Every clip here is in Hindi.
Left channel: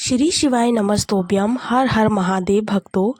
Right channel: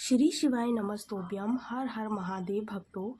श्री शिवाय नमस्तोभ्यम। हर हर महादेव भक्तों,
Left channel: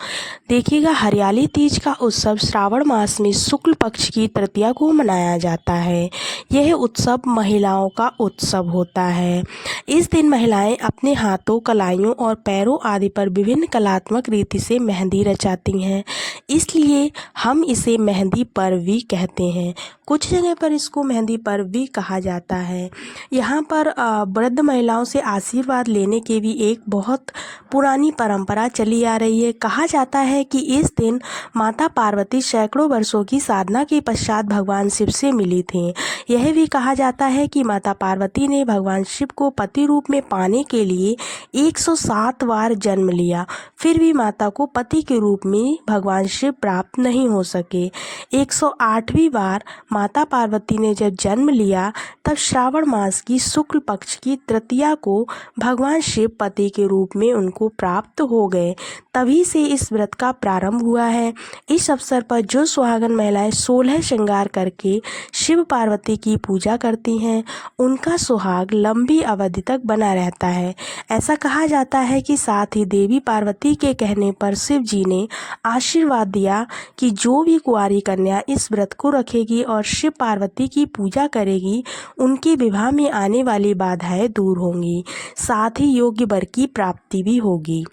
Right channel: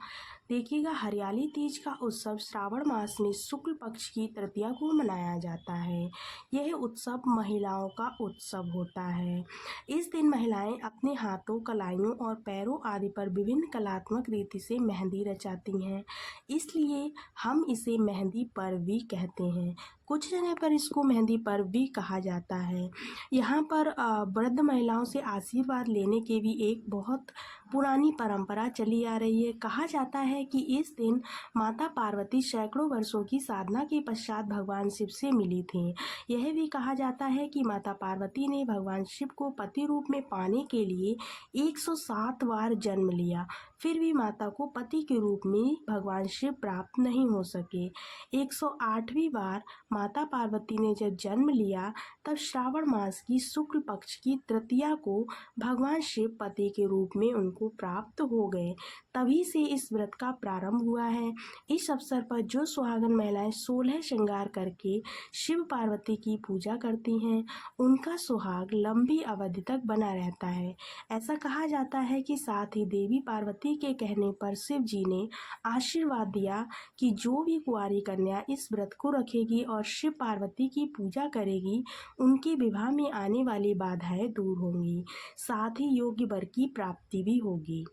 देखिएगा हरियाली तीज का उत्सव श्रावण मास में शुक्ल पक्ष की तृतीया को मनाया जाता है। यह उत्सव महिलाओं का उत्सव होता है। इस दिन महिलाएं अपने हाथों, कलाइयों और पैरों आदि पर विभिन्न कलात्मक रीति से मेहंदी रचाती हैं, इसलिए हम इसे मेहंदी पर्व भी कहते हैं। कुछ जगह पर इसको मेहंदी पर्व भी कहा जाता है। यहाँ पर वृद्ध महिलाओं से आशीर्वाद लेने की भी एक बहुत पुरानी परंपरा चली आ रही है। कहा जाता है कि इस दिन माता पार्वती सैकड़ों वर्षों की साधना के पश्चात भगवान शिव से मिली थी। यह भी कहा जाता है कि माता पार्वती ने भगवान शिव को पति रूप में पाने के लिए 107 बार जन्म लिया, फिर भी माता को पति के रूप में भगवान शिव प्राप्त नहीं हो सके। 108वीं बार माता पार्वती ने जब जन्म लिया, तब श्रावण मास की शुक्ल पक्ष की तृतीया को भगवान शिव पति के रूप में उनको प्राप्त हो गए। तभी से इस व्रत का प्रारंभ हुआ है। इस अवसर पर जो सुहागन महिलाएं 16 श्रृंगार करके शिव पार्वती की पूजा करती हैं, उनका सुहाग लंबी अवधि तक बना रहता है। ऐसा कहा जाता है कि साथ ही देवी पार्वती के कहने पर शिव जी ने आशीर्वाद दिया कि जो भी कुंवारी कन्या इस व्रत को रखेगी और शिव पार्वती की पूजा करेगी, उनके विवाह में आने वाली बाधाएं दूर होंगी, साथ ही योग्य वर की प्राप्ति भी होगी।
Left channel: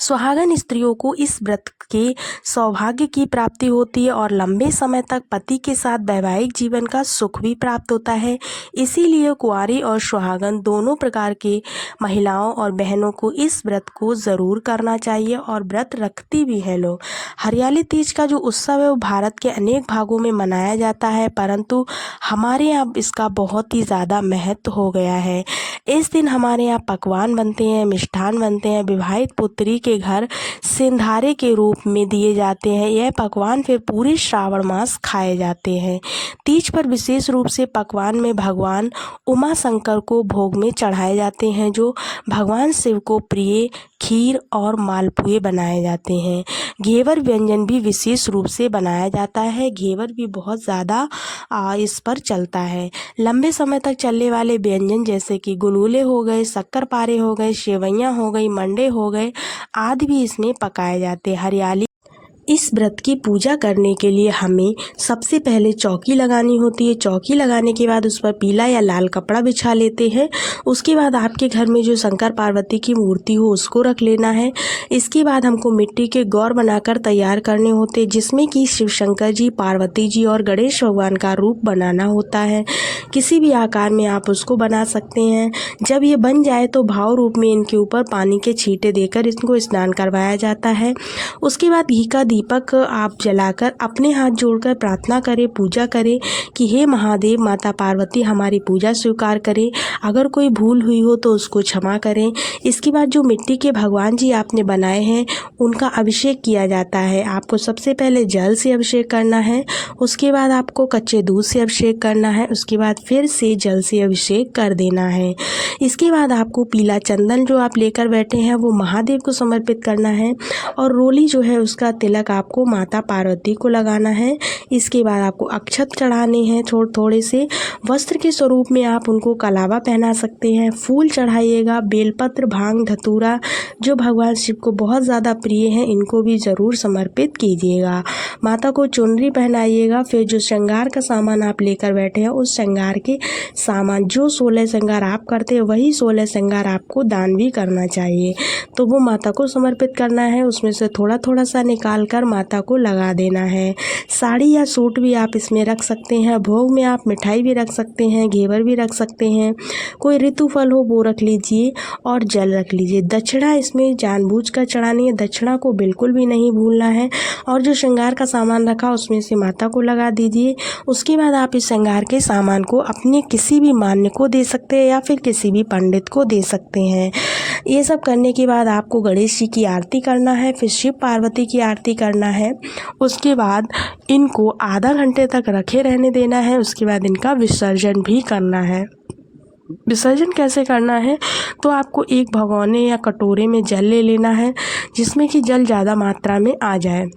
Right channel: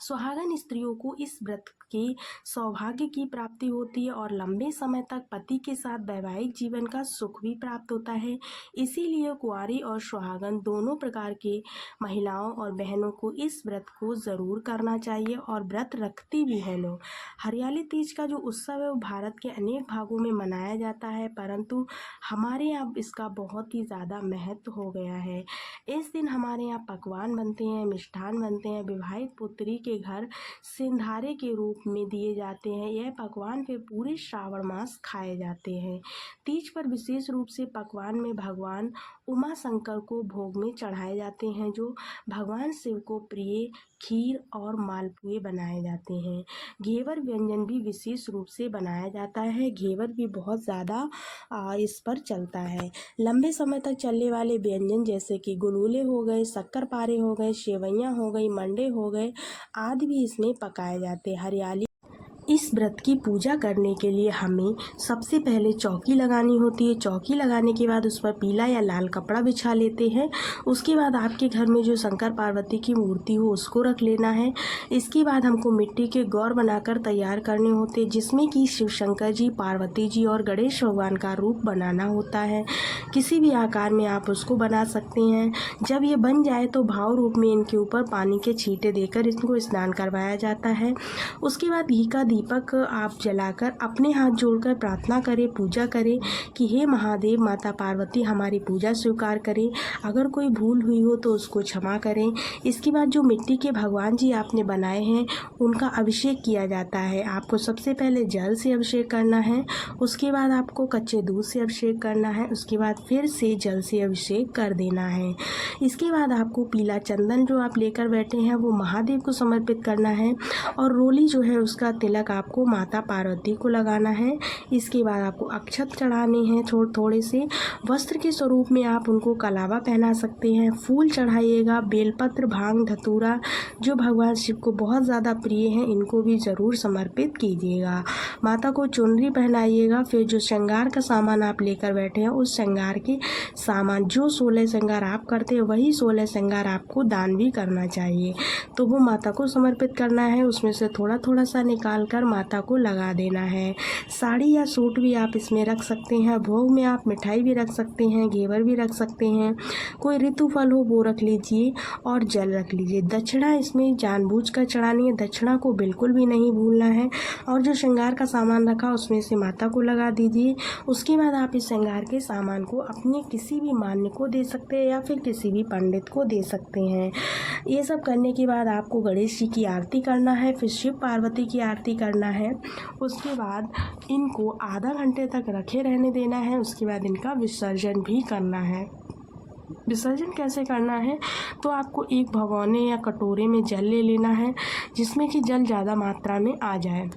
सुहागन स्त्रियों को इस व्रत के सौभाग्य की प्राप्ति होती है और लंबे समय तक पति के साथ वैवाहिक जीवन का सुख भी प्राप्त होता है। इसीलिए कुंवारी और सुहागन दोनों प्रकार के महिलाओं और बहनों को इस व्रत को ज़रूर करना चाहिए और व्रत रखती भी है लोग। हरियाली तीज का जो उत्सव है वो भारत के अनेक भागों में मनाया जाता है, परंतु हमारे यहाँ इसका बहुत ही ज़्यादा महत्व हो गया है। इस दिन हमारे यहाँ पकवान बनते हैं, मिष्ठान बनते हैं, विवाहित पुत्री के घर सिंधारे के रूप में दिए जाते हैं। यह पकवान फिर पूरे श्रावण मास खाए जाते हैं। तीज पर विशेष रूप से पकवान में भगवान उमा शंकर को भोग में चढ़ाए जाते हैं, जो भगवान शिव को प्रिय खीर और मालपुए बनाए जाते हैं। घेवर व्यंजन भी विशेष रूप से बनाया जाता है। घेवर भी बहुत ज़्यादा इस पर चलता है। लंबे समय तक चलने वाले व्यंजन जैसे कि गुलगुले हो गए, शक्करपारे हो गए, सेवइयाँ हो गई, मंडे हो गए आदि भी इसमें पकाए जाते हैं। हरियाली इस व्रत की पूजा करने के लिए हमें सबसे पहले चौकी लगानी होती है। चौकी लगाने के बाद उस पर पीला या लाल कपड़ा बिछा लेते हैं। उसके बाद आपके घर में जो शंकर पार्वती की मूर्ति हो उसको रख लेना है। इसके बाद हमको मिट्टी के गौर बनाकर तैयार करने होते हैं, जिसमें कि शिव शंकर जी, पार्वती जी और गणेश भगवान का रूप बनाना होता है। किसी भी आकार में आप उसको बना सकते हैं। जब ये बन जाए तो भाव रूप में इनके ऊपर पानी के छींटे देकर इनको स्नान करवाया जाता है। उसके बाद घी का दीपक आप जलाकर अपने हाथ जोड़कर प्रार्थना करें, पूजा करें कि हे महादेव, माता पार्वती हमारी पूजा स्वीकार करें। अगर कोई भूल हुई हो तो उसको क्षमा करें। इसके बाद जो मिट्टी के भगवान जी आपने बनाए हैं उनका अभिषेक किया जाता है। आपको सबसे पहले जल से अभिषेक करना है, उसके बाद आपको कच्चे दूध से अभिषेक करना है, उसके बाद फिर से जल से अभिषेक कर देना है। इसके बाद आपको पीला चंदन जो आप लेकर बैठे हैं वो महादेव को समर्पित करना है और रोली जो है उसका तिलक आपको माता पार्वती को लगाना है। इसके बाद आपको अक्षत चढ़ाने हैं थोड़े से। वस्त्र के स्वरूप में आप उनको कलावा पहना सकते हैं। फूल चढ़ाइएगा, बेलपत्र, भांग, धतूरा जो भगवान शिव को बहुत ज़्यादा प्रिय हैं, इनको भी ज़रूर समर्पित कीजिएगा। माता को चुनरी पहनाइएगा। फिर जो श्रृंगार का सामान आप लेकर बैठे हैं उस श्रृंगार के सामान, जो 16 श्रृंगार आप करते हैं वही 16 श्रृंगार आपको दान भी करना चाहिए। तो वो माता को समर्पित करना है। उसमें से थोड़ा थोड़ा सा निकाल कर माता को लगा देना है। साड़ी या सूट भी आप इसमें रख सकते हैं। भोग में आप मिठाई भी रख सकते हैं, घेवर भी रख सकते हैं, कोई ऋतु फल हो वो रख लीजिए और जल रख लीजिए। दक्षिणा इसमें जानबूझकर चढ़ानी है, दक्षिणा को बिल्कुल भी नहीं भूलना है। और जो श्रृंगार का सामान रखा उसमें से माता को लगा दीजिए। उसके बाद आप इस श्रृंगार के सामान को अपने किसी भी मान्य को दे सकते हैं या फिर किसी भी पंडित को दे सकते हैं। ये सब करने के बाद आपको गणेश जी की आरती करना है, फिर शिव पार्वती की आरती करना है। उसके बाद इनको आधा घंटे तक रखे रहने देना है। उसके बाद इनका विसर्जन भी करना है। विसर्जन कैसे करना है, तो आपको एक भगोने या कटोरे में जल ले लेना है जिसमें कि जल ज़्यादा मात्रा में आ जाए।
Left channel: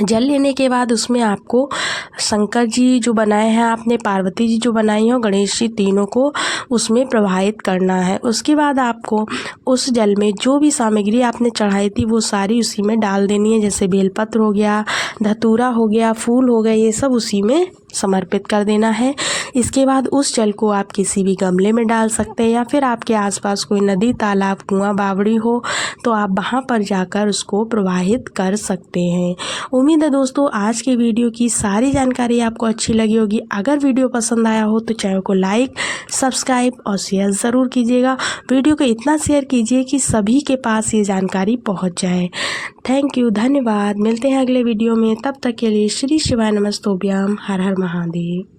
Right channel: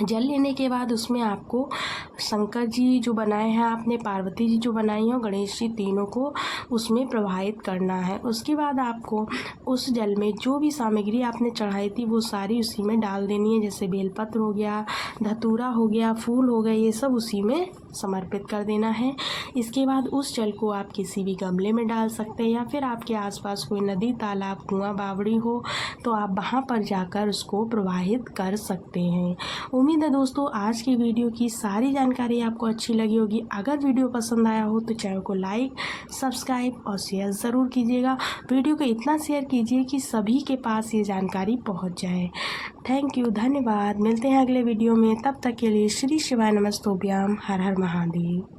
जल लेने के बाद उसमें आपको शंकर जी जो बनाए हैं आपने, पार्वती जी जो बनाई हैं और गणेश जी, तीनों को उसमें प्रवाहित करना है। उसके बाद आपको उस जल में जो भी सामग्री आपने चढ़ाई थी वो सारी उसी में डाल देनी है। जैसे बेलपत्र हो गया, धतूरा हो गया, फूल हो गए, ये सब उसी में समर्पित कर देना है। इसके बाद उस जल को आप किसी भी गमले में डाल सकते हैं, या फिर आपके आसपास कोई नदी, तालाब, कुआं, बावड़ी हो तो आप वहाँ पर जाकर उसको प्रवाहित कर सकते हैं। उम्मीद है दोस्तों आज की वीडियो की सारी जानकारी आपको अच्छी लगी होगी। अगर वीडियो पसंद आया हो तो चैनल को लाइक, सब्सक्राइब और शेयर ज़रूर कीजिएगा। वीडियो को इतना शेयर कीजिए कि सभी के पास ये जानकारी पहुँच जाए। थैंक यू, धन्यवाद। मिलते हैं अगले वीडियो में, तब तक के लिए श्री शिवाय नमस्तोभ्याम। हर हर महादेव।